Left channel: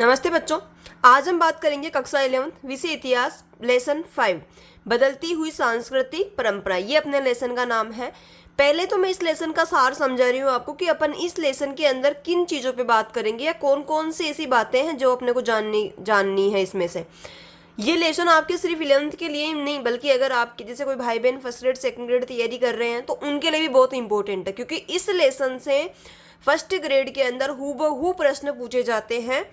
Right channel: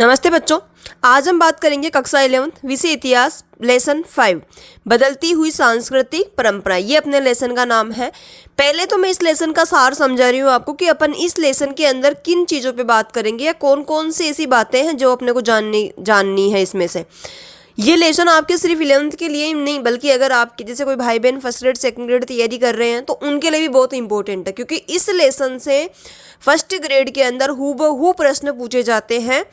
नमस्ते बच्चों। आज हम बात करेंगे कक्षा 11 विषय इतिहास लेसन 5 बदलती हुई सांस्कृतिक परंपरा। ये अपने लेसन का नाम है। पहले तो मैं इस लेसन का सार समझा रही हूँ आपको कि अपन इस लेसन के अंदर किन चीज़ों पे बात करेंगे या कौन कौन सी ऐसी बातें हैं जो अपने को जाननी है। इसमें से ये लेसन आपके सिर्फ 11th के लिए ही नहीं बल्कि अगर आपके जैसे कोई भाई बहन फर्स्ट ग्रेड सेकंड ग्रेड तैयारी कर रहे हैं तो उनके लिए भी बहुत इंपॉर्टेंट है, क्योंकि इस लेसन से फर्स्ट ग्रेड के अंदर हूबहू प्रश्न पूछे जाते हैं।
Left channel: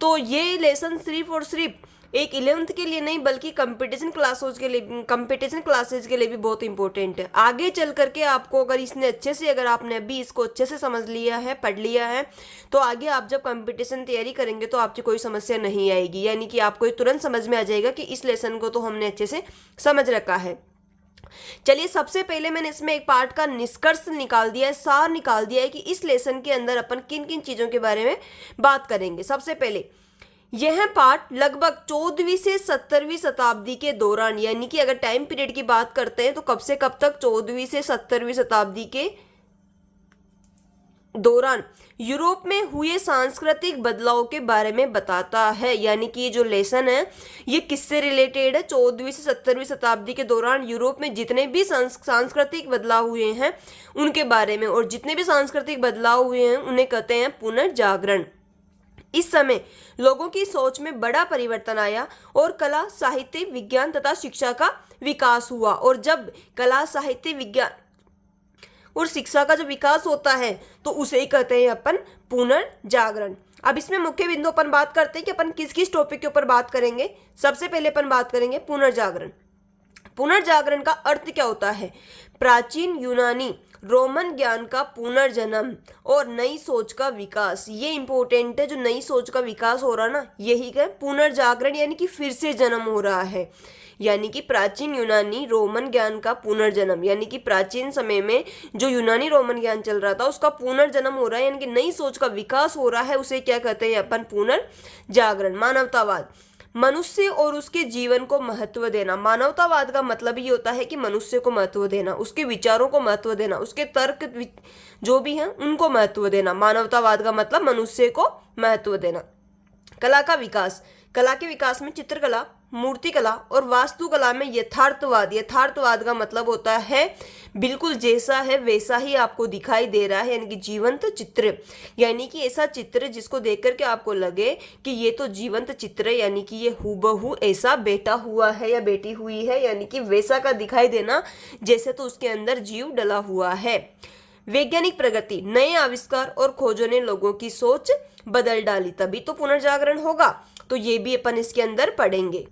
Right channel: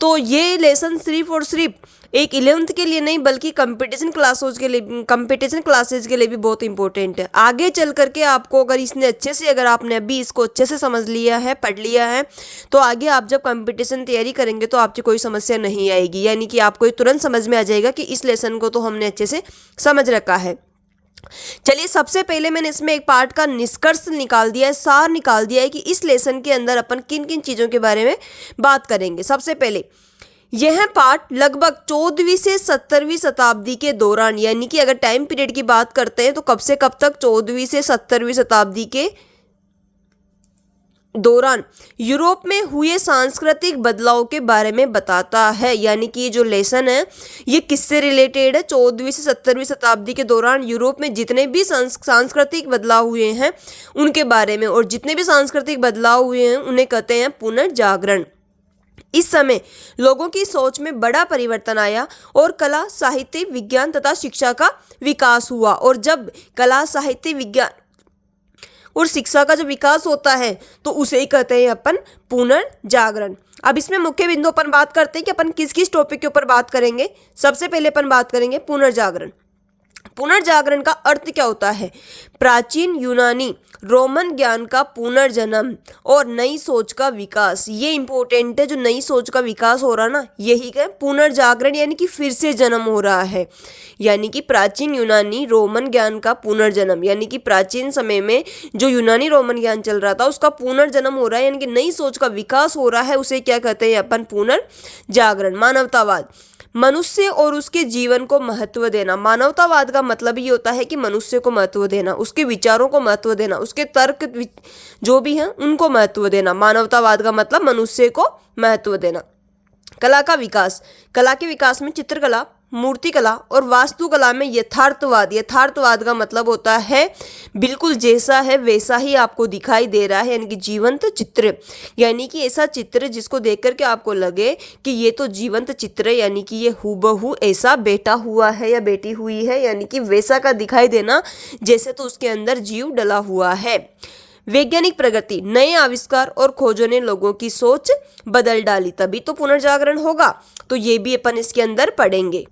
तो ये लेसन सिर्फ और सिर्फ एक 11th के लिए नहीं बल्कि कंपटीशन क्लासेज के लिए भी बहुत इंपॉर्टेंट है। आगे चल करके आपको अगर आपने अभी इसको अच्छे से समझ लिया है, पढ़ लिया है, तो आगे आप जब कंपटीशन तैयारी करेंगे तो आपकी कोई समस्या नहीं आएगी। यानी कि आपको तुरंत समझ में आ जाएगा कि इस लेसन को तो हमने अच्छे से समझ रखा है। चलिए, सबसे पहले मैंने इसमें एक पार्ट का निष्कर्ष निकाल दिया है, सार निकाल दिया है कि इस लेसन के अंदर अपन किन किन चीज़ों के बारे में बात करेंगे। सबसे पहले यह पार्ट लगभग 14वीं से 17वीं शताब्दी के दौरान, यानी कि अगर टाइम पीरियड की बात करते हैं तो कब से कब तक, 14वीं से 17वीं शताब्दी के दौरान यूरोप में हुए सांस्कृतिक बदलाव के बारे में बताता है। यानी कि ये जो लेसन है ये किससे रिलेटेड है? 14वीं से 17वीं शताब्दी के दौरान यूरोप में जितने भी सांस्कृतिक बदलाव हुए हैं उनके बारे में, और जितने भी सांस्कृतिक बदलाव हुए हैं उन्हें कहते हैं पुनर्जागरण। इस समय लोगों की सोच में बड़ा परिवर्तन आया और कला, साहित्य, विज्ञान तथा शिक्षा का विकास हुआ। और जब कला, साहित्य, विज्ञान और शिक्षा का जो विकास होता है तो उसे ही कहते हैं अपन पुनर्जागरण। अब इसमें मुख्य बिंदु अपन बात करते हैं कि अपन किस किस टॉपिक के ऊपर बात करेंगे। सबसे पहले अपन बात करेंगे पुनर्जागरण। पुनर्जागरण का अर्थ क्या होता है? प्राचीन यूनानी रोमन ज्ञान का पुनर्जन्म और नई सोच का विकास। ये इंपॉर्टेंट है, जो नई सोच का विकास हो रहा ना, यही क्या पुनर्जागरण, यानी कि फिर से जन्म हो रहा है। यानी कि प्राचीन यूनानी रोमन ज्ञान का पुनर्जन्म, यानी कि प्राचीन समय में जो यूनानी रोमन ज्ञान चल रहा था उसका पुनर्जन्म हो रहा है, यानी कि नई सोच का विकास हो रहा है। उसे क्या कहते हैं अपन? पुनर्जागरण। मानवतावाद, मनुष्य और उसके जीवन को महत्व देना। मानवतावाद का मतलब ये होता है कि मनुष्य को महत्व देना, उसके विचारों को महत्व देना, उसके तर्क जो भी हैं उनको महत्व देना। मानवतावाद का मतलब मनुष्य को महत्व देना। कला का विकास, कला के विकास में चित्रकला, मूर्तिकला और वास्तुकला में यथार्थवाद। यथार्थवाद का मतलब होता है बिल्कुल जैसा है वैसा ही आपको दिखाई दे रहा है, यानी कि जीवंत चित्र। यानी कि ऐसा चित्र जिसको देख करके आपको लगे कि ये तो जीवंत चित्र है, यानी कि ये हूबहू ऐसा बैठा हुआ है या बैठी हुई है, यानी कि वैसा का दिखाई देना जैसे तो उसके अंदर जीव डला हुआ है। वैज्ञानिक प्रगति, नए आविष्कार और खोजों ने लोगों की सोच बदल डाली, तभी तो पुनर्जागरण होगा। तो ये भी अपन इसके अंदर पढ़ेंगे।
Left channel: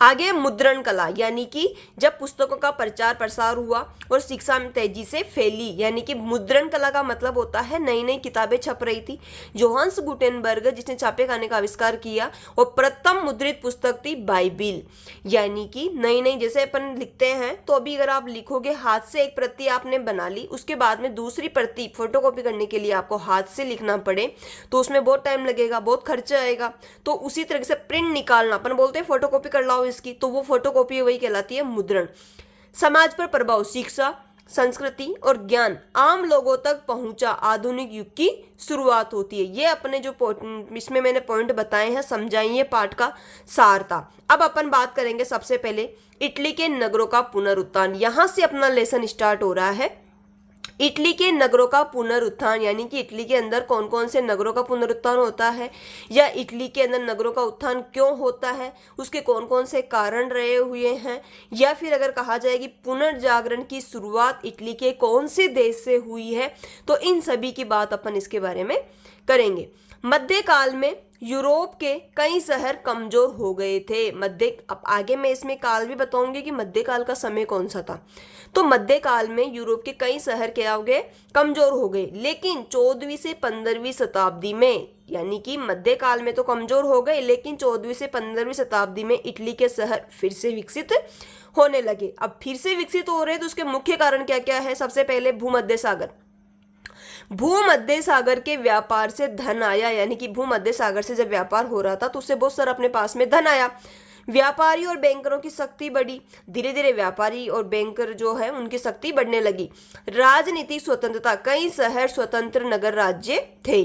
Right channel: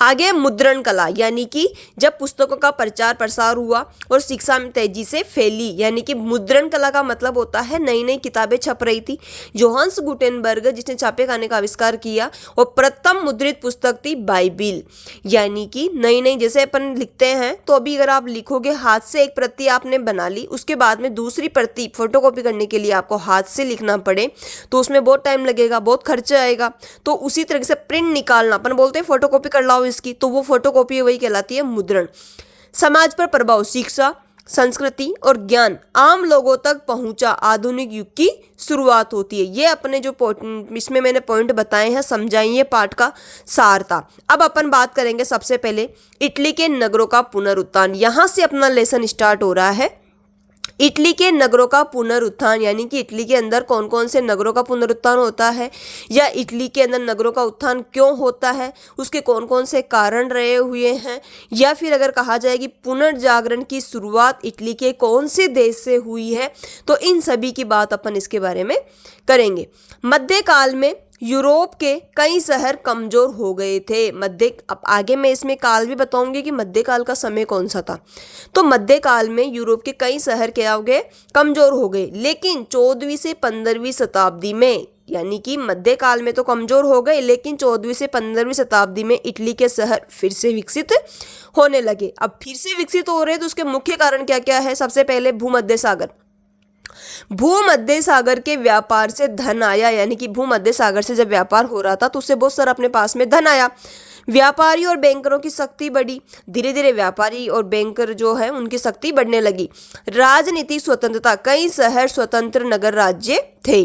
आगे मुद्रण कला, यानी कि जब पुस्तकों का प्रचार प्रसार हुआ और शिक्षा में तेजी से फैली। यानी कि मुद्रण कला का मतलब होता है नई नई किताबें छप रही थी। जोहान्स गुटेनबर्ग जिसने छापे खाने का आविष्कार किया, और प्रथम मुद्रित पुस्तक थी बाइबिल। यानी कि नई नई, जैसे अपन लिखते हैं तो अभी अगर आप लिखोगे हाथ से, एक प्रति आपने बना ली, उसके बाद में दूसरी प्रति फोटोकॉपी करने के लिए आपको हाथ से लिखना पड़े तो उसमें बहुत टाइम लगेगा, बहुत खर्चा आएगा। तो उसी तरह से प्रिंट निकालना, अपन बोलते हैं फोटोकॉपी कर लाओ इसकी, तो वो फोटोकॉपी वही कहलाती है मुद्रण। समाज पर प्रभाव, शिक्षा, संस्कृति और ज्ञान आम लोगों तक पहुंचा, आधुनिक युग की शुरुआत होती है। ये अपने जो इसमें मैंने पॉइंट बताए हैं, समझाइए, पाठ का सार था। अब अपन बात करेंगे सबसे पहले इटली के नगरों का पुनरुत्थान। यहां से अपना लेसन स्टार्ट हो रहा है। इटली के नगरों का पुनरुत्थान, यानी कि इटली के अंदर कौन कौन से नगरों का पुनरुत्थान होता है, या इटली के अंदर नगरों का उत्थान क्यों होता है, उसके कौन कौन से कारण रहे हुए हैं, या फिर अगर कहा जाए कि पुनर्जागरण की शुरुआत इटली के कौन से देश से हुई है, तो इन सभी की बात अपन इसके बारे में करेंगे। मध्यकाल में यूरोप के कई शहर कमजोर हो गए थे। अब आगे मैं इसमें काल भी बताऊंगी कि मध्यकाल का समय कौन सा था। तो मध्यकाल में यूरोप के कई शहर क्या हो गए? कमजोर हो गए। लेकिन 14वीं से 15वीं शताब्दी में, यानी कि मध्यकाल में तो कमजोर हो गए, लेकिन 14वीं से 15वीं शताब्दी में इटली के शहर फिर से विकसित होने लगे। अब फिर से विकसित हो रहे हैं तो उसके मुख्य कारण क्या क्या है? सबसे पहले भूमध्य सागर। भूमध्य सागर के व्यापार से धन आया, यानी कि भूमध्य सागर से जब व्यापार हो रहा था तो उससे बहुत सारा अपने पास में धन आया। व्यापारी और बैंकरों की शक्ति बढ़ी। धीरे धीरे व्यापारी और बैंकर जो है उनकी शक्ति बढ़ने लगी। राजनीति स्वतंत्रता, कई शहर स्वतंत्र नगर राज्य थे।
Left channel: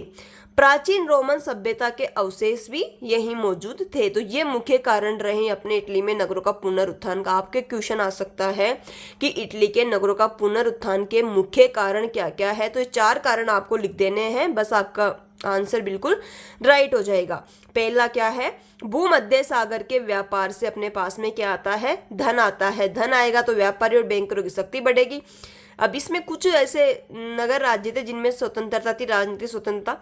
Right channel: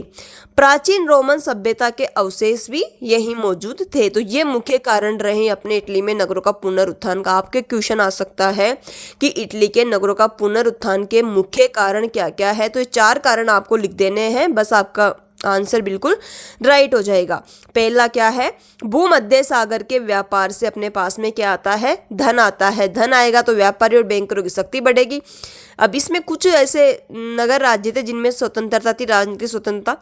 प्राचीन रोमन सभ्यता के अवशेष भी यहीं मौजूद थे। तो ये मुख्य कारण रहे अपने इटली में नगरों का पुनरुत्थान का। आपके क्वेश्चन आ सकता है कि इटली के नगरों का पुनरुत्थान के मुख्य कारण क्या क्या है। तो ये 4 कारण आपको लिख देने हैं, बस आपका आंसर बिल्कुल राइट हो जाएगा। पहला क्या है, भूमध्य सागर के व्यापार से अपने पास में क्या आता है, धन आता है। धन आएगा तो व्यापारी और बैंकरों की शक्ति बढ़ेगी। अब इसमें कुछ ऐसे नगर राज्य थे जिनमें स्वतंत्रता थी, राजनीतिक स्वतंत्रता।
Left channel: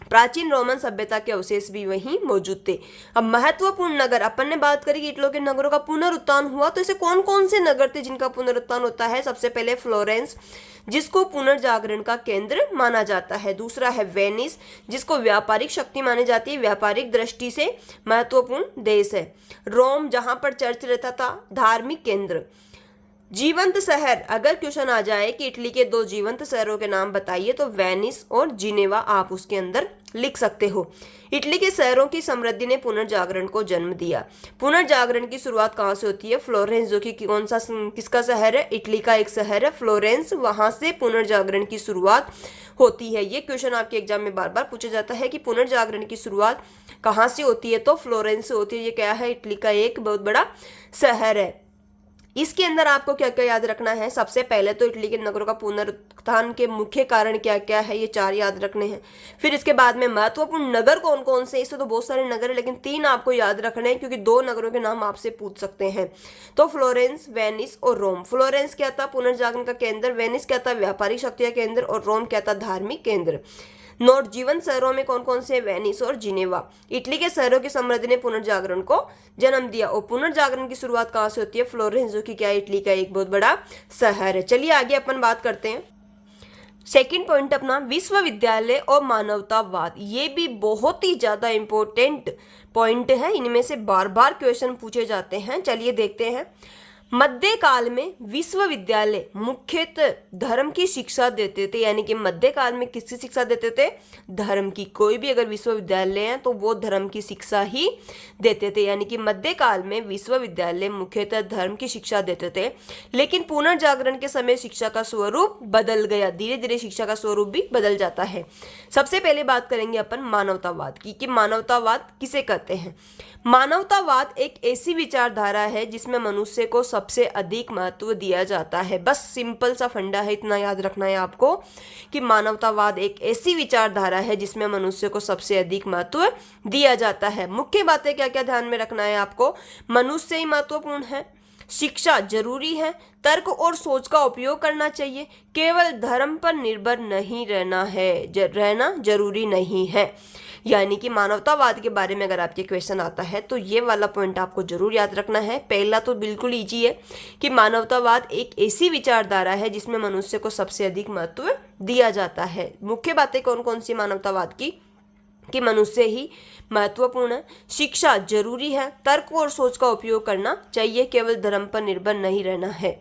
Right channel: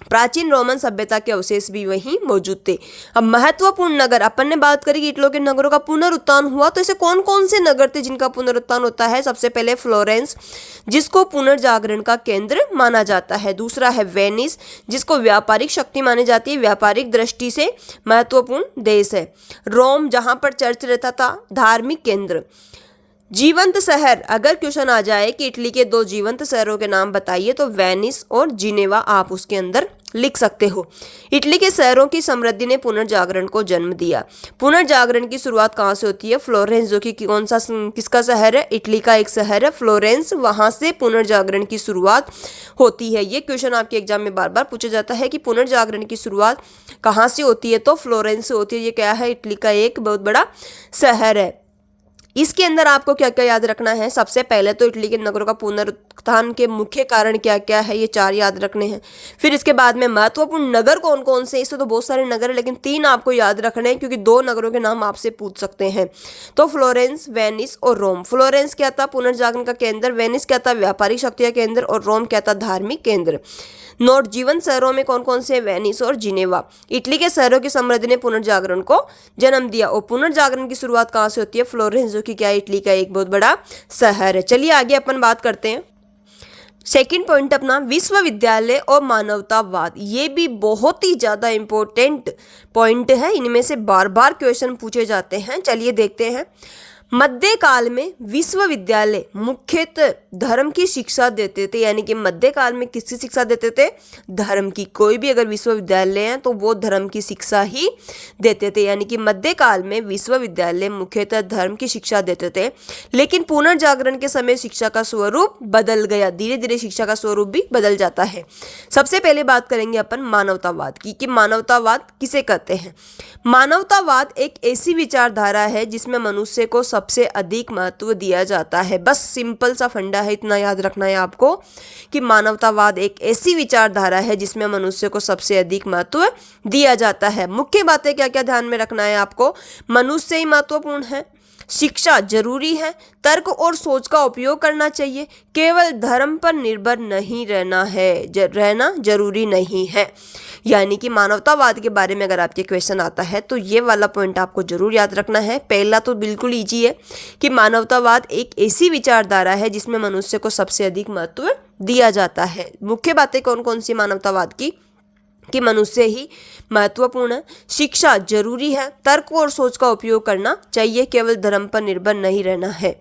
प्राचीन रोमन सभ्यता के अवशेष भी वहीं मौजूद थे। अब महत्वपूर्ण नगर अपन ने बात करी कि इटली के नगरों का पुनरुत्थान हुआ, तो ऐसे कौन कौन से नगर थे जिनका पुनरुत्थान होता है। सबसे पहले फ्लोरेंस, जिसको पुनर्जागरण का केंद्र माना जाता है। दूसरा है वेनिस, जिसको व्यापारिक शक्ति मानी जाती है, व्यापारिक दृष्टि से महत्वपूर्ण देश है। रोम, जहां पर चर्च रहता था, धार्मिक केंद्र। जीवंत शहर, अगर क्वेश्चन आ जाए कि इटली के 2 जीवंत शहरों के नाम बताइए, तो वेनिस और जिनेवा आप उसके अंदर लिख सकते हो। इटली के शहरों की समृद्धि ने पुनर्जागरण को जन्म दिया। पुनर्जागरण की शुरुआत कहाँ से होती है, फ्लोरेंस, जो कि कौन सा किसका शहर है, इटली का एक शहर है फ्लोरेंस, वहां से पुनर्जागरण की शुरुआत होती है। ये क्वेश्चन आपके एग्जाम में बार बार पूछा जाता है कि पुनर्जागरण की शुरुआत कहाँ से होती है, तो फ्लोरेंस से होती है। ये क्या है, इटली का एक बहुत बड़ा शहर है। इसके अंदर आपको क्या क्या याद रखना है। सबसे पहले तो इटली के नगरों का पुनरुत्थान के मुख्य कारण क्या क्या है, ये 4 याद रखने हैं। फिर इसके बाद में महत्वपूर्ण नगर कौन कौन से, इससे तो बहुत सारे नगर है, लेकिन 3 आपको याद रखने हैं, क्योंकि 2 नगरों के नाम आपसे पूछ सकते हैं। तो फ्लोरेंस, वेनिस और रोम। फ्लोरेंस क्या था, पुनर्जागरण का केंद्र। वेनिस क्या था, व्यापारिक शक्ति का केंद्र। और रोम क्या था, धार्मिक केंद्र। नोट, जीवन शहरों में कौन कौन से, वेनिस और जिनेवा। इटली के शहरों की समृद्धि ने पुनर्जागरण को जन्म दिया। और पुनर्जागरण की शुरुआत कहाँ से होती है, फ्लोरेंस, जो कि क्या है, इटली का एक बहुत बड़ा शहर है। चलिए आगे अपन बात करते हैं। सेकंड पॉइंट अपना, विश्वविद्यालय और मानवतावाद। ये भी बहुत ही ज्यादा इंपॉर्टेंट पॉइंट है, इनमें से बार बार क्वेश्चन पूछे जाते हैं। चलिए देखते हैं। मध्यकाल में विश्वविद्यालय मुख्यतः धर्म की शिक्षा देते थे। यानी कि मध्यकाल में किसकी शिक्षा देते थे, धर्म की। कोई भी अगर विश्वविद्यालय है तो वो धर्म की शिक्षा ही देते थे। यानी कि मध्यकाल में विश्वविद्यालय मुख्यतः धर्म की शिक्षा देते थे। लेकिन पुनर्जागरण के समय शिक्षा का स्वरूप बदल गया। धीरे धीरे शिक्षा का स्वरूप भी बदल जाता है। सबसे पहले बात करेंगे अपन मानवतावाद की, कि मानवतावाद किसे कहते हैं। मानवतावाद एक ऐसी विचारधारा है जिसमें मनुष्य को सबसे अधिक महत्व दिया जाता है। बस सिंपल सा फंडा है, इतना याद रखना है आपको कि मानवतावाद एक ऐसी विचारधारा है जिसमें मनुष्य को सबसे अधिक महत्व दिया जाता है। मुख्य बातें क्या क्या ध्यान में रखना है आपको, मनुष्य ही महत्वपूर्ण है, शिक्षा जरूरी है, तर्क और सोच का उपयोग करना चाहिए, केवल धर्म पर निर्भर नहीं रहना है, रहना जरूरी नहीं है। यानी कि मानवतावाद के बारे में अगर आपके क्वेश्चन आता है तो ये वाला पॉइंट आपको जरूर याद रखना है। पहला तो बिल्कुल इजी है कि मानवतावाद एक ऐसी विचारधारा है जिसमें मनुष्य को सबसे अधिक महत्व दिया जाता है। मुख्य बातें कौन कौन सी मानवतावाद की, कि मनुष्य ही महत्वपूर्ण है, शिक्षा जरूरी है, तर्क और सोच का उपयोग करना चाहिए, केवल धर्म पर निर्भर नहीं रहना है।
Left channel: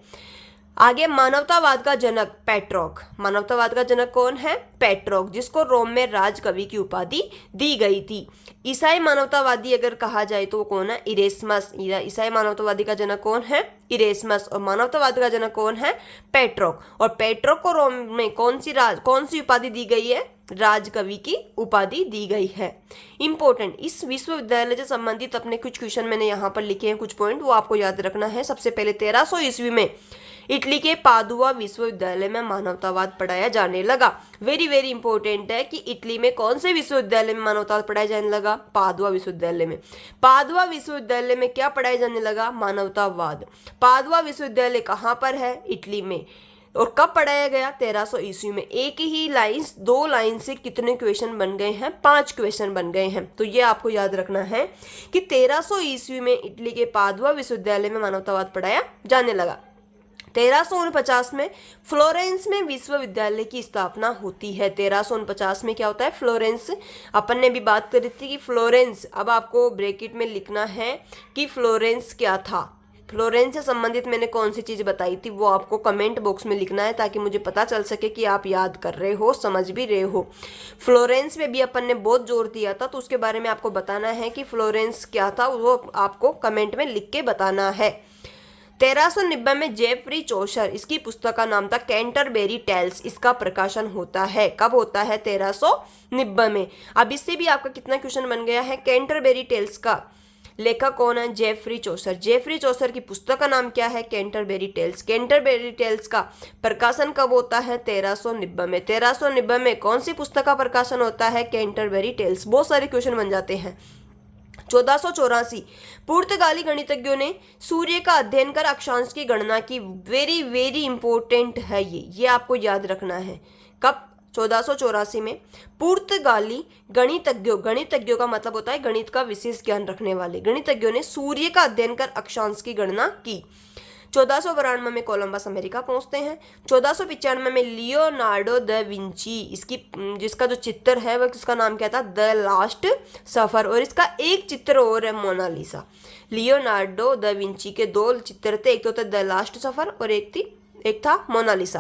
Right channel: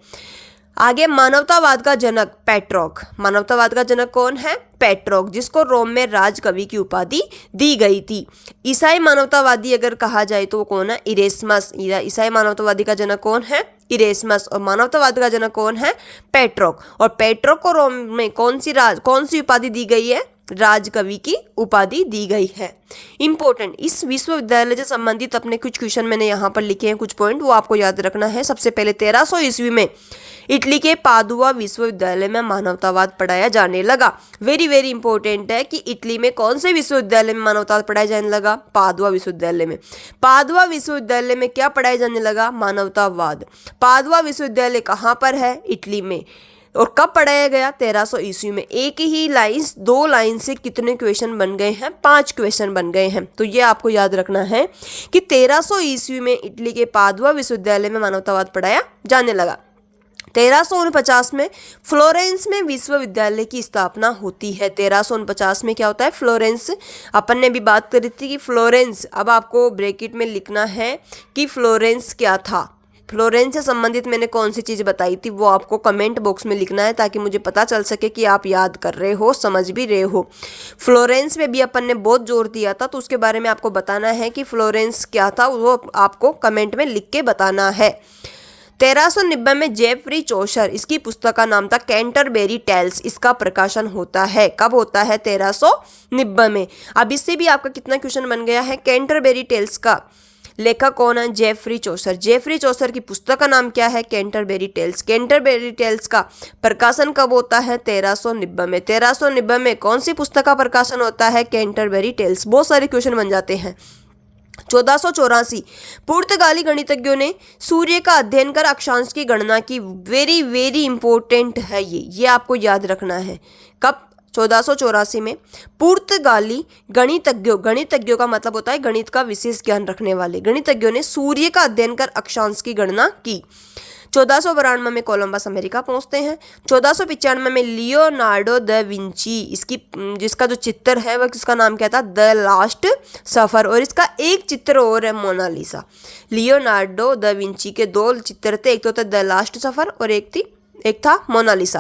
आगे, मानवतावाद का जनक पेट्रोक। मानवतावाद का जनक कौन है, पेट्रोक, जिसको रोम में राजकवि की उपाधि दी गई थी। ईसाई मानवतावादी अगर कहा जाए तो वो कौन है, इरेस्मस। ईसाई मानवतावादी का जनक कौन है, इरेस्मस। और मानवतावाद का जनक कौन है, पेट्रोक। और पेट्रोक को रोम में कौन सी उपाधि दी गई है, राजकवि की उपाधि दी गई है। इंपॉर्टेंट, इस विश्वविद्यालय से संबंधित अपने कुछ क्वेश्चन मैंने यहाँ पर लिखे हैं, कुछ पॉइंट वो आपको याद रखना है। सबसे पहले 1300 ईस्वी में इटली के पादुआ विश्वविद्यालय में मानवतावाद पढ़ाया जाने लगा। वेरी वेरी इंपॉर्टेंट है कि इटली में कौन से विश्वविद्यालय में मानवतावाद पढ़ाया जाने लगा, पादुआ विश्वविद्यालय में। पादुआ विश्वविद्यालय में क्या पढ़ाया जाने लगा, मानवतावाद। पादुआ विश्वविद्यालय कहाँ पर है, इटली में। और कब पढ़ाया गया, 1300 ईस्वी में। एक ही लाइन, 2 लाइन से कितने क्वेश्चन बन गए हैं, 5 क्वेश्चन बन गए हैं। तो ये आपको याद रखना है कि 1300 ईस्वी में इटली के पादुआ विश्वविद्यालय में मानवतावाद पढ़ाया जाने लगा। 1349 में फ्लोरेंस में विश्वविद्यालय की स्थापना होती है। 1349 में क्या होता है, फ्लोरेंस। अपन ने भी बात करी थी कि फ्लोरेंस, अब आपको ब्रैकेट में लिखना है कि फ्लोरेंस क्या था। फ्लोरेंस से संबंधित मैंने कौन सी चीज़ बताई थी वो आपको कमेंट बॉक्स में लिखना है, ताकि मुझे पता चल सके कि आप याद कर रहे हो, समझ भी रहे हो। फ्लोरेंस में भी अपन ने बहुत जोर दिया था, तो उसके बारे में आपको बताना है कि फ्लोरेंस क्या था, वो आपको कमेंट में लिख के बताना है। 1390 में जेफरी चौसर, इसकी पुस्तक का नाम था कैंटरबेरी टेल्स, इसका प्रकाशन होता है। कब होता है? 1390 में। अब इससे भी आपका कितना क्वेश्चन बन गया है? कैंटरबेरी टेल्स का लेखक कौन है? Geoffrey Chaucer. जेफरी चौसर की पुस्तक का नाम क्या है? कैंटरबेरी टेल्स। कैंटरबेरी टेल्स का प्रकाशन कब होता है? 1390 में। 1390 में कौन सी पुस्तक का प्रकाशन होता है? कैंटरबेरी टेल्स। बहुत सारे क्वेश्चन बन जाते हैं। 1484 पुर्तगाली गणितज्ञों ने सूर्य का अध्ययन कर अक्षांश की गणना की। वेरी वेरी इंपॉर्टेंट है ये आपको याद रखना है। कब? 1484 में पुर्तगाली गणितज्ञों का मतलब होता है गणित का विशेष ज्ञान रखने वाले गणितज्ञों ने सूर्य का अध्ययन कर अक्षांश की गणना की। 1492 में कोलंबस अमेरिका पहुंचते हैं। 1495 में लियोनार्डो द विंची, इसकी जिसका जो चित्र है वह किसका नाम क्या था? द लास्ट सफर। और इसका एक चित्र और है, मोनालिसा। लियोनार्डो द विंची के 2 चित्र थे, एक तो था द लास्ट सफर और एक था मोनालिसा।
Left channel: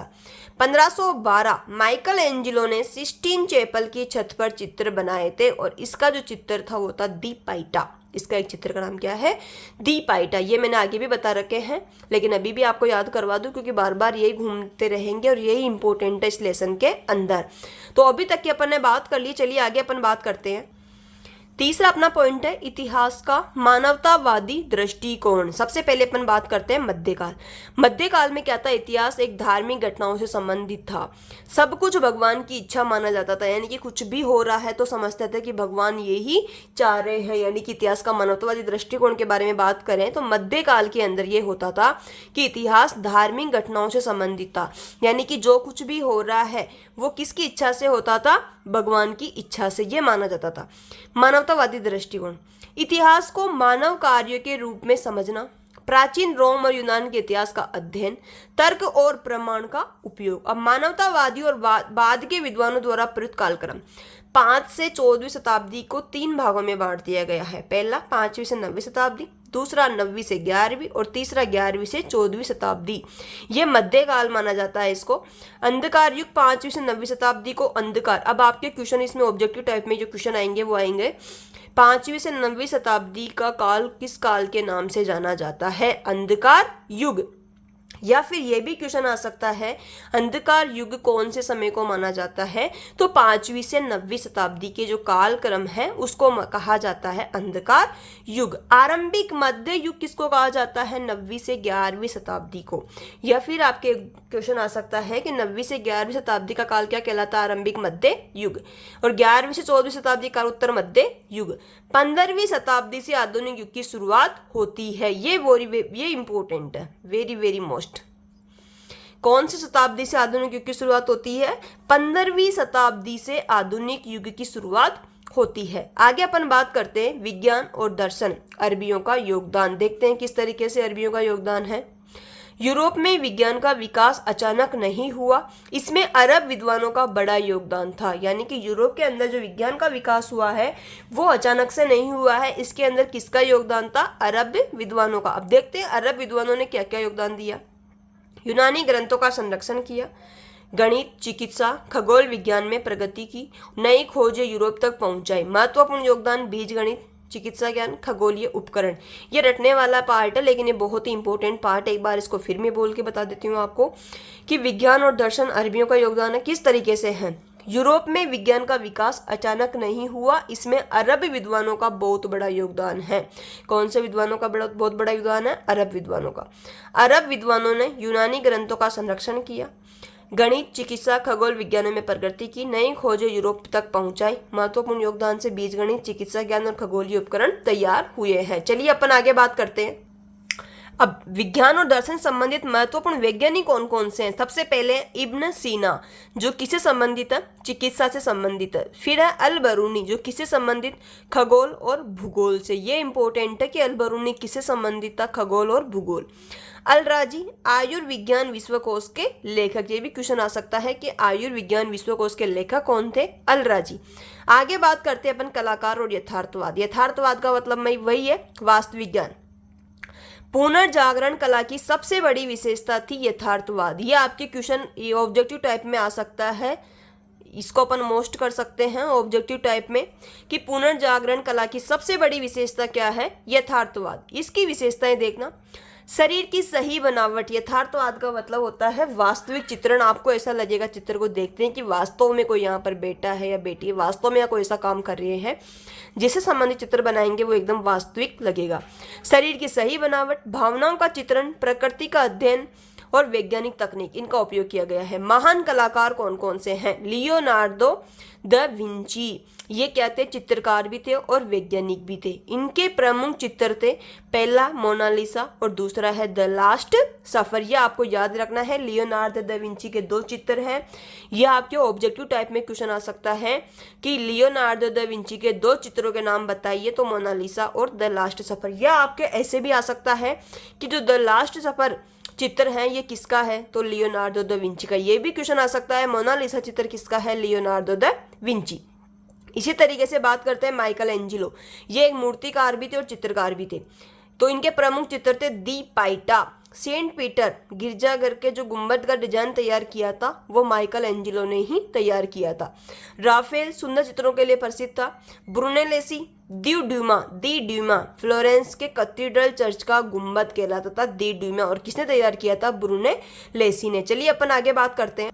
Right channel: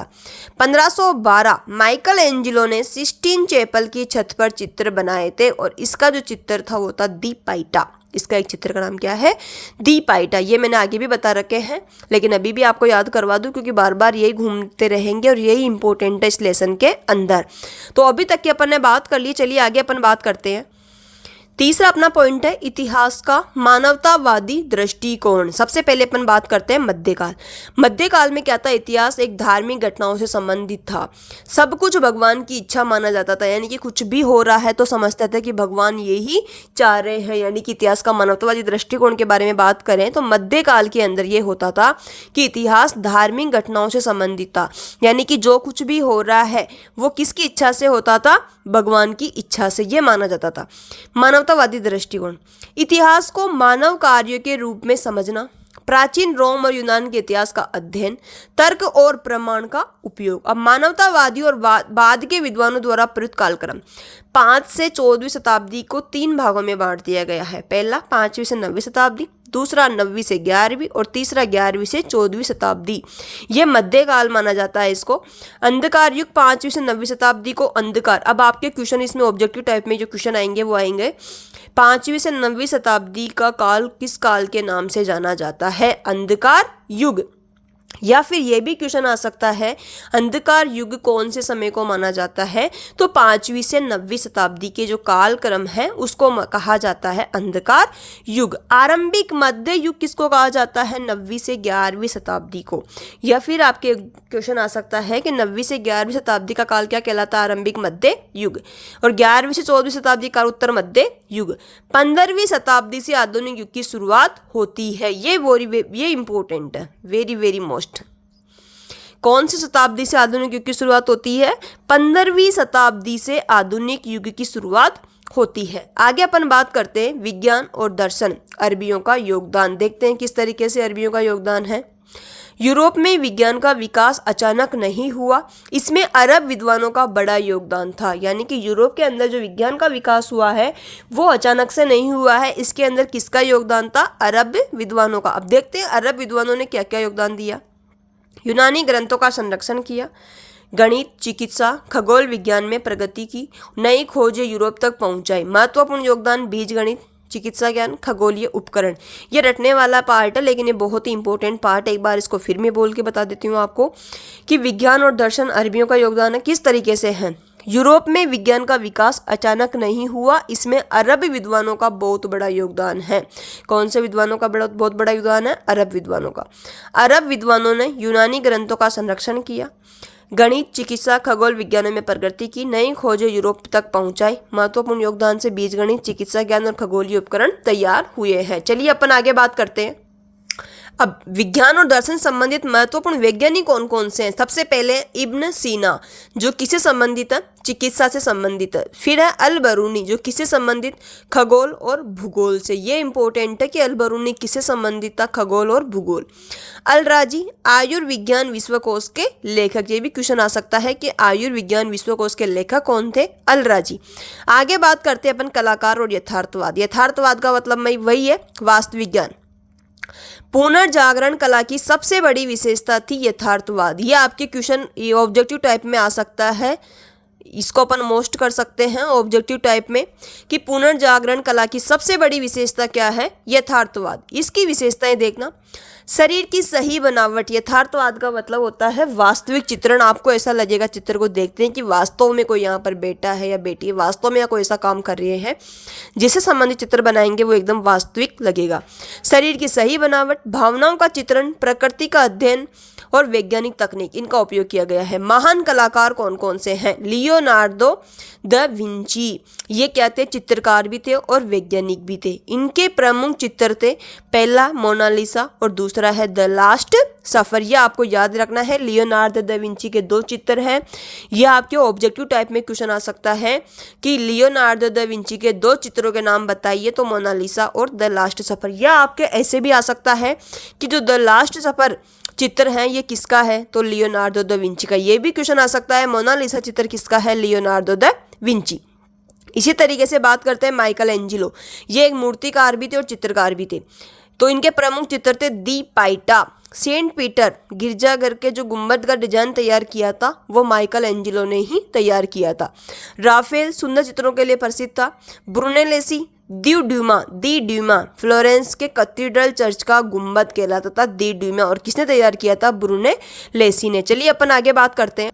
1512 माइकल एंजिलो ने सिस्टीन चैपल की छत पर चित्र बनाए थे और इसका जो चित्र था वो था दी पाइटा। इसका एक चित्र का नाम क्या है? दी पाइटा। ये मैंने आगे भी बता रखे हैं, लेकिन अभी भी आपको याद करवा दूं क्योंकि बार बार यही घूमते रहेंगे और यही इंपॉर्टेंट है इस लेसन के अंदर। तो अभी तक की अपन ने बात कर ली, चलिए आगे अपन बात करते हैं। तीसरा अपना पॉइंट है इतिहास का मानवतावादी दृष्टिकोण। सबसे पहले अपन बात करते हैं मध्यकाल। मध्यकाल में क्या था? इतिहास एक धार्मिक घटनाओं से संबंधित था। सब कुछ भगवान की इच्छा माना जाता था, यानी कि कुछ भी हो रहा है तो समझते थे कि भगवान यही चाह रहे हैं। यानी कि इतिहास का मानवतावादी दृष्टिकोण के बारे में बात करें तो मध्यकाल के अंदर ये होता था कि इतिहास धार्मिक घटनाओं से संबंधित था, यानी कि जो कुछ भी हो रहा है वो किसकी इच्छा से होता था? भगवान की इच्छा से, ये माना जाता था। मानवतावादी दृष्टिकोण, इतिहास को मानव कार्यों के रूप में समझना, प्राचीन रोम और यूनान के इतिहास का अध्ययन, तर्क और प्रमाण का उपयोग। अब मानवतावादी और बाद के विद्वानों द्वारा प्रयुक्त कालक्रम 5 से 14वीं शताब्दी को 3 भागों में बांट दिया गया है। पहला 5वीं से 9वीं शताब्दी, दूसरा 9वीं से 11वीं और तीसरा 11वीं से 14वीं शताब्दी। ये मध्यकाल माना जाता है इसको। अंधकार युग 5वीं से 9वीं शताब्दी को अंधकार। अब आपके क्वेश्चन इसमें ऑब्जेक्टिव टाइप में जो क्वेश्चन आएंगे वो आएंगे 5वीं से 9वीं शताब्दी का काल किस काल के नाम से जाना जाता है? अंधकार युग। या फिर ये भी क्वेश्चन आ सकता है अंधकार युग कौन से समय को माना जाता है? तो 5वीं से 9वीं शताब्दी के जो कालक्रम है उसको कहा जाता है अंधकार युग। आरंभिक मध्य युग किसको कहा जाता है? 9वीं से 11वीं शताब्दी को। या फिर आपके क्वेश्चन आ सकता है कि 9वीं से 11वीं शताब्दी का काल क्या कहलाता है? आरंभिक मध्य युग। और 11वीं से 14वीं शताब्दी का उत्तर मध्य युग। 15वीं शताब्दी से आधुनिक युग की शुरुआत होती है। ये इंपॉर्टेंट है, वेरी वेरी मोस्ट। कौन सी शताब्दी से आधुनिक युग की शुरुआत होती है? 15वीं शताब्दी से आधुनिक युग की शुरुआत होती है। आगे अपन बात करते हैं विज्ञान और दर्शन, अरबियों का योगदान। देखते हैं किस तरीके से अरबियों का योगदान है। यूरोप में विज्ञान का विकास अचानक नहीं हुआ, इसमें अरब विद्वानों का बड़ा योगदान था। यानी कि यूरोप के अंदर जो विज्ञान का विकास हुआ है वो अचानक से नहीं हुआ है, इसके अंदर किसका योगदान था? अरब विद्वानों का। अब देखते हैं अरब विद्वानों ने क्या क्या योगदान दिया। यूनानी ग्रंथों का संरक्षण किया, गणित, चिकित्सा, खगोल विज्ञान में प्रगति की, नई खोजें यूरोप तक पहुंचाई। महत्वपूर्ण योगदान बीज गणित, चिकित्सा ज्ञान, खगोलीय उपकरण। ये रटने वाला पार्ट है लेकिन ये बहुत ही इंपॉर्टेंट पार्ट है। एक बार इसको फिर मैं बोल के बता देती हूँ आपको कि विज्ञान और दर्शन अरबियों का योगदान है। किस तरीके से है? यूरोप में विज्ञान का विकास अचानक नहीं हुआ, इसमें अरब विद्वानों का बहुत बड़ा योगदान है। कौन से विद्वानों का बहुत बड़ा योगदान है? अरब विद्वानों का। अरब विद्वानों ने यूनानी ग्रंथों का संरक्षण किया, गणित, चिकित्सा, खगोल विज्ञानों में प्रगति की, नई खोजें यूरोप तक पहुंचाई। महत्वपूर्ण योगदान से बीज गणित, चिकित्सा ज्ञान और खगोलीय उपकरण तैयार हुए हैं। चलिए अपन आगे बात करते हैं। अब विज्ञान और दर्शन संबंधित महत्वपूर्ण वैज्ञानिक कौन कौन से हैं? सबसे पहले इब्न सीना, जो किससे संबंधित है? चिकित्सा से संबंधित है। फिर है अल बरूनी, जो किससे संबंधित? खगोल और भूगोल से। ये इंपॉर्टेंट है कि अल बरूनी किससे संबंधित था? खगोल और भूगोल। अल राजी आयुर्विज्ञान विश्वकोश के लेखक। ये भी क्वेश्चन आ सकता है कि आयुर्विज्ञान विश्वकोश के लेखक कौन थे? अल राजी। आगे बात करते हैं अपन कलाकार और यथार्थवाद। यथार्थवाद का मतलब वही है वास्तविक ज्ञान। पुनर्जागरण कला की सबसे बड़ी विशेषता थी यथार्थवाद। ये आपके क्वेश्चन ऑब्जेक्टिव टाइप में आ सकता है, इसको अपन मोस्ट कर सकते हैं ऑब्जेक्टिव टाइप में कि पुनर्जागरण कला की सबसे बड़ी विशेषता क्या है? यथार्थवाद। इसकी विशेषताएं देखना। शरीर की सही बनावट, यथार्थवाद का मतलब होता है वास्तविक चित्रण। आपको ऐसा लगेगा चित्र को देखते हैं कि वास्तव में कोई यहाँ पर बेटा है या बेटी है, वास्तव में या कोई ऐसा काम कर रहे हैं, जिससे संबंधित चित्र बनाएंगे वो एकदम वास्तविक लगेगा। शरीर की सही बनावट, भावनाओं का चित्रण, प्रकृति का अध्ययन और वैज्ञानिक तकनीक, इनका उपयोग किया गया है। महान कलाकार कौन कौन से हैं? लियोनार्डो द विंची, ये क्या थे? चित्रकार भी थे और वैज्ञानिक भी थे। इनके प्रमुख चित्र थे, पहला मोनालिसा और दूसरा है द लास्ट सफर। ये आपको याद रखना है। लियोनार्डो द विंची के 2 चित्र हैं। यह आपके ऑब्जेक्टिव टाइप में क्वेश्चन आ सकता है कि लियोनार्डो द विंची के 2 चित्रों के नाम बताइए, तो मोनालिसा और द लास्ट सफर। या आपके ऐसे भी आ सकता है कि जो द लास्ट सफर चित्र है ये किसका है? तो लियोनार्डो द विंची का। ये भी क्वेश्चन आ सकता है, मोनालिसा चित्र किसका है? Leonardo da Vinci. इसी तरीके से बात करते हैं माइकल एंजिलो, ये एक मूर्तिकार भी थे और चित्रकार भी थे। तो इनके प्रमुख चित्र थे दी पाइटा। सेंट पीटर गिरजाघर के जो गुंबद का डिजाइन तैयार किया था वो माइकल एंजिलो ने ही तैयार किया था। राफेल सुंदर चित्रों के लिए प्रसिद्ध था। ब्रुनेलेसी दी ड्यूमा फ्लोरेंस के कैथेड्रल चर्च का गुंबद कहलाता था दी ड्यूमा, और किसने तैयार किया था? ब्रुनेलेसी ने। चलिए अपन आगे बात करते हैं।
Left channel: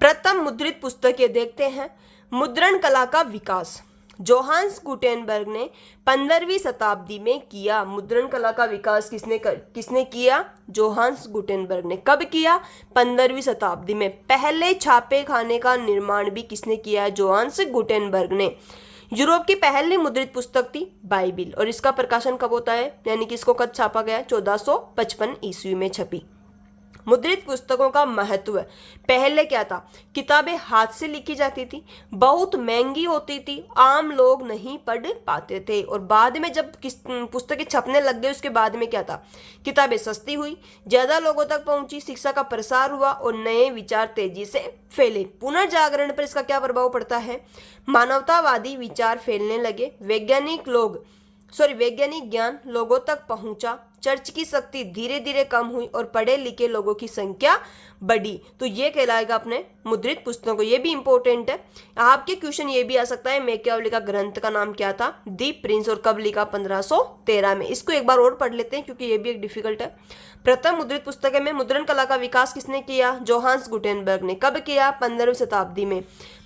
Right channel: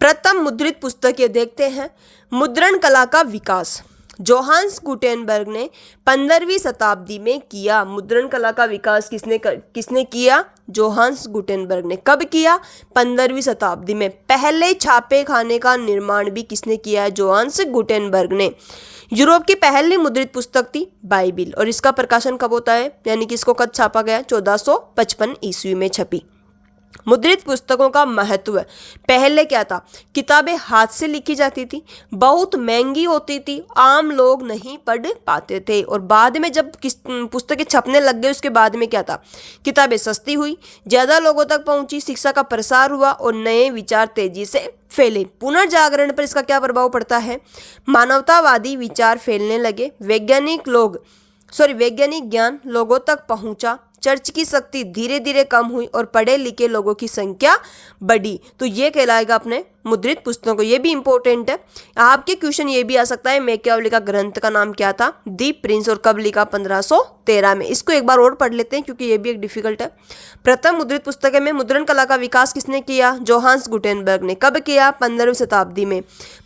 प्रथम मुद्रित पुस्तक ये देखते हैं। मुद्रण कला का विकास जोहान्स गुटेनबर्ग ने 15वीं शताब्दी में किया। मुद्रण कला का विकास किसने किया? जोहान्स गुटेनबर्ग ने। कब किया? 15वीं शताब्दी में। पहले छापे खाने का निर्माण भी किसने किया है? जोहान्स गुटेनबर्ग ने। यूरोप की पहली मुद्रित पुस्तक थी बाइबिल, और इसका प्रकाशन कब होता है, यानी कि इसको कब छापा गया? 1455 ईस्वी में छपी। मुद्रित पुस्तकों का महत्व, पहले क्या था? किताबें हाथ से लिखी जाती थी, बहुत महंगी होती थी, आम लोग नहीं पढ़ पाते थे। और बाद में जब पुस्तकें छपने लग गई उसके बाद में क्या था? किताबें सस्ती हुई, ज़्यादा लोगों तक पहुंची, शिक्षा का प्रसार हुआ और नए विचार तेजी से फैले। पुनर्जागरण पर इसका क्या प्रभाव पड़ता है? मानवतावादी विचार फैलने लगे, वैज्ञानिक ज्ञान लोगों तक पहुंचा, चर्च की शक्ति धीरे धीरे कम हुई और पढ़े लिखे लोगों की संख्या बढ़ी। तो ये कहलाएगा अपने मुद्रित पुस्तकों को। ये भी इंपॉर्टेंट है। आपके क्वेश्चन ये भी आ सकता है, मैकियावेली का ग्रंथ का नाम क्या था? दी प्रिंस, और कब लिखा? 1513 में। इसको एक बार और पढ़ लेते हैं क्योंकि ये भी एक डिफिकल्ट है। प्रथम मुद्रित पुस्तकें में मुद्रण कला का विकास किसने किया? जोहान्स गुटेनबर्ग ने। कब किया? 15वीं शताब्दी में।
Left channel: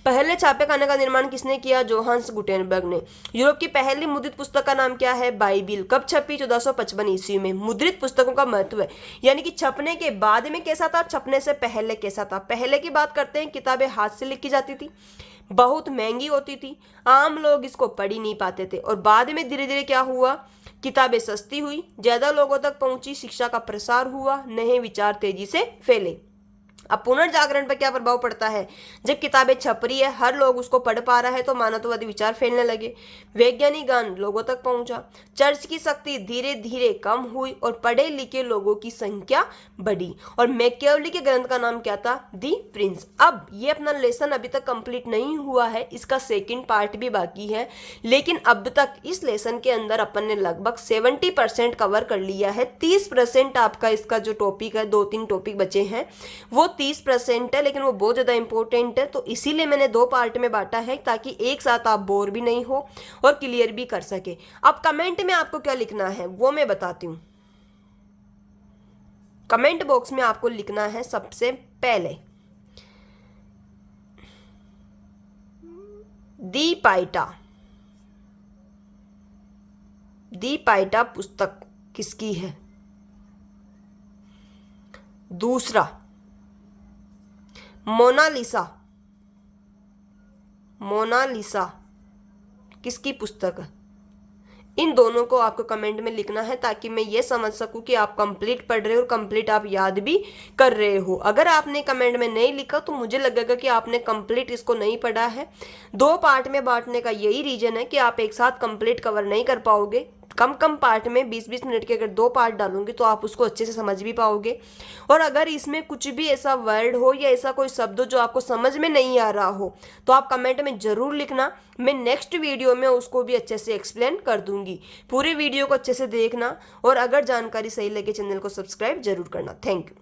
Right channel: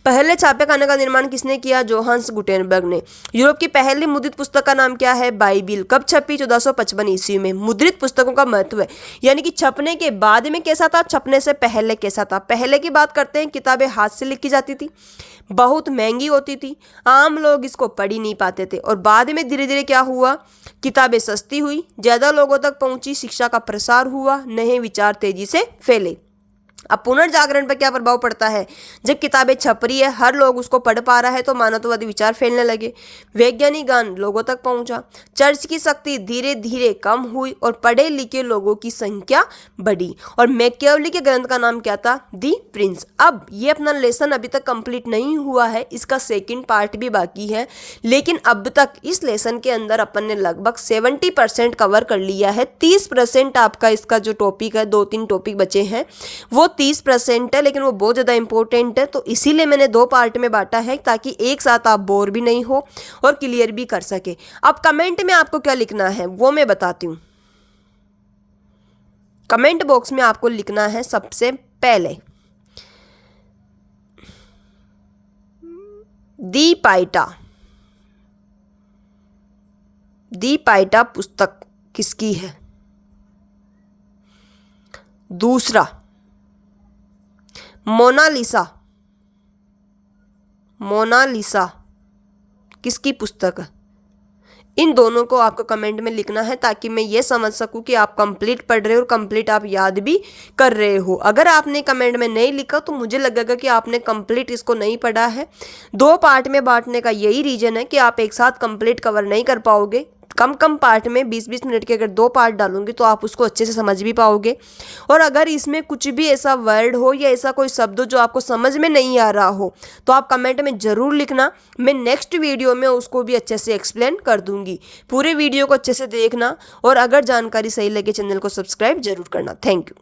पहले छापे खाने का निर्माण किसने किया? जोहान्स गुटेनबर्ग ने। यूरोप की पहली मुद्रित पुस्तक का नाम क्या है? बाइबिल। कब छपी? 1455 ईस्वी में। मुद्रित पुस्तकों का महत्व है, यानी कि छपने के बाद में कैसा था, छपने से पहले कैसा था। पहले की बात करते हैं, किताबें हाथ से लिखी जाती थी, बहुत महंगी होती थी, आम लोग इसको पढ़ ही नहीं पाते थे। और बाद में धीरे धीरे क्या हुआ? किताबें सस्ती हुई, ज़्यादा लोगों तक पहुंची, शिक्षा का प्रसार हुआ, नए विचार तेजी से फैले। अब पुनर्जागरण पर क्या प्रभाव पड़ता है? जब किताबें छप रही है, हर लोग उसको पढ़ पा रहा है, तो मानवतावादी विचार फैलने लगे, वैज्ञानिक ज्ञान लोगों तक पहुंचा, चर्च की शक्ति धीरे धीरे कम हुई और पढ़े लिखे लोगों की संख्या बढ़ी। और मैकियावेली के ग्रंथ का नाम क्या था? दी प्रिंस। अब ये अपना लेसन अभी तक कंप्लीट नहीं हुआ है, इसका सेकेंड पार्ट भी बाकी है, लेकिन अब तक इस लेसन के अंदर अपन ने लगभग 70% कवर कर लिया है। 30% आपका इसका जो टॉपिक है, 2-3 टॉपिक बचे हैं, वो 30% है, लेकिन वो बहुत ज़्यादा इंपॉर्टेंट है। तो इसीलिए मैंने 2 पार्ट में बांटा है, ताकि एक साथ आप बोर भी नहीं हो और क्लियर भी कर सके। अब कमेंट में आपको क्या लिखना है वो मैं बताती हूँ। कमेंट बॉक्स में आपको लिखना है सबसे पहले दी पाइटा पुस्तक किसकी है? दूसरा, मोनालिसा किसकी पुस्तक है? इन दोनों को आपको कमेंट में लिखना है, ताकि मैं ये समझ सकूं कि आप कंप्लीट पढ़ रहे हो और कंप्लीट आप याद भी कर रहे हो। अगर आपने कमेंट में नहीं लिखा तो मुझे लगेगा कि आपने कंप्लीट इसको नहीं पढ़ा है। 2 पार्ट में बांटने का यही रीजन है कि आप एक साथ कंप्लीट कवर नहीं कर पाओगे। कम पार्ट में 20-20 मिनट के अगर 2 पार्ट डालूंगी तो आप उसको अच्छे से समझ भी पाओगे। और अगर इसमें कुछ भी ऐसा वर्ड हो या ऐसा कोई शब्द जो आपको समझ में नहीं आ रहा हो तो आप कमेंट में ज़रूर लिखना। मैं नेक्स्ट वीडियो में उसको भी अच्छे से एक्सप्लेन कर दूंगी। पूरे वीडियो को अच्छे से देखना, और अगर जानकारी सही लगे चैनल को सब्सक्राइब जरूर करना। Thank you.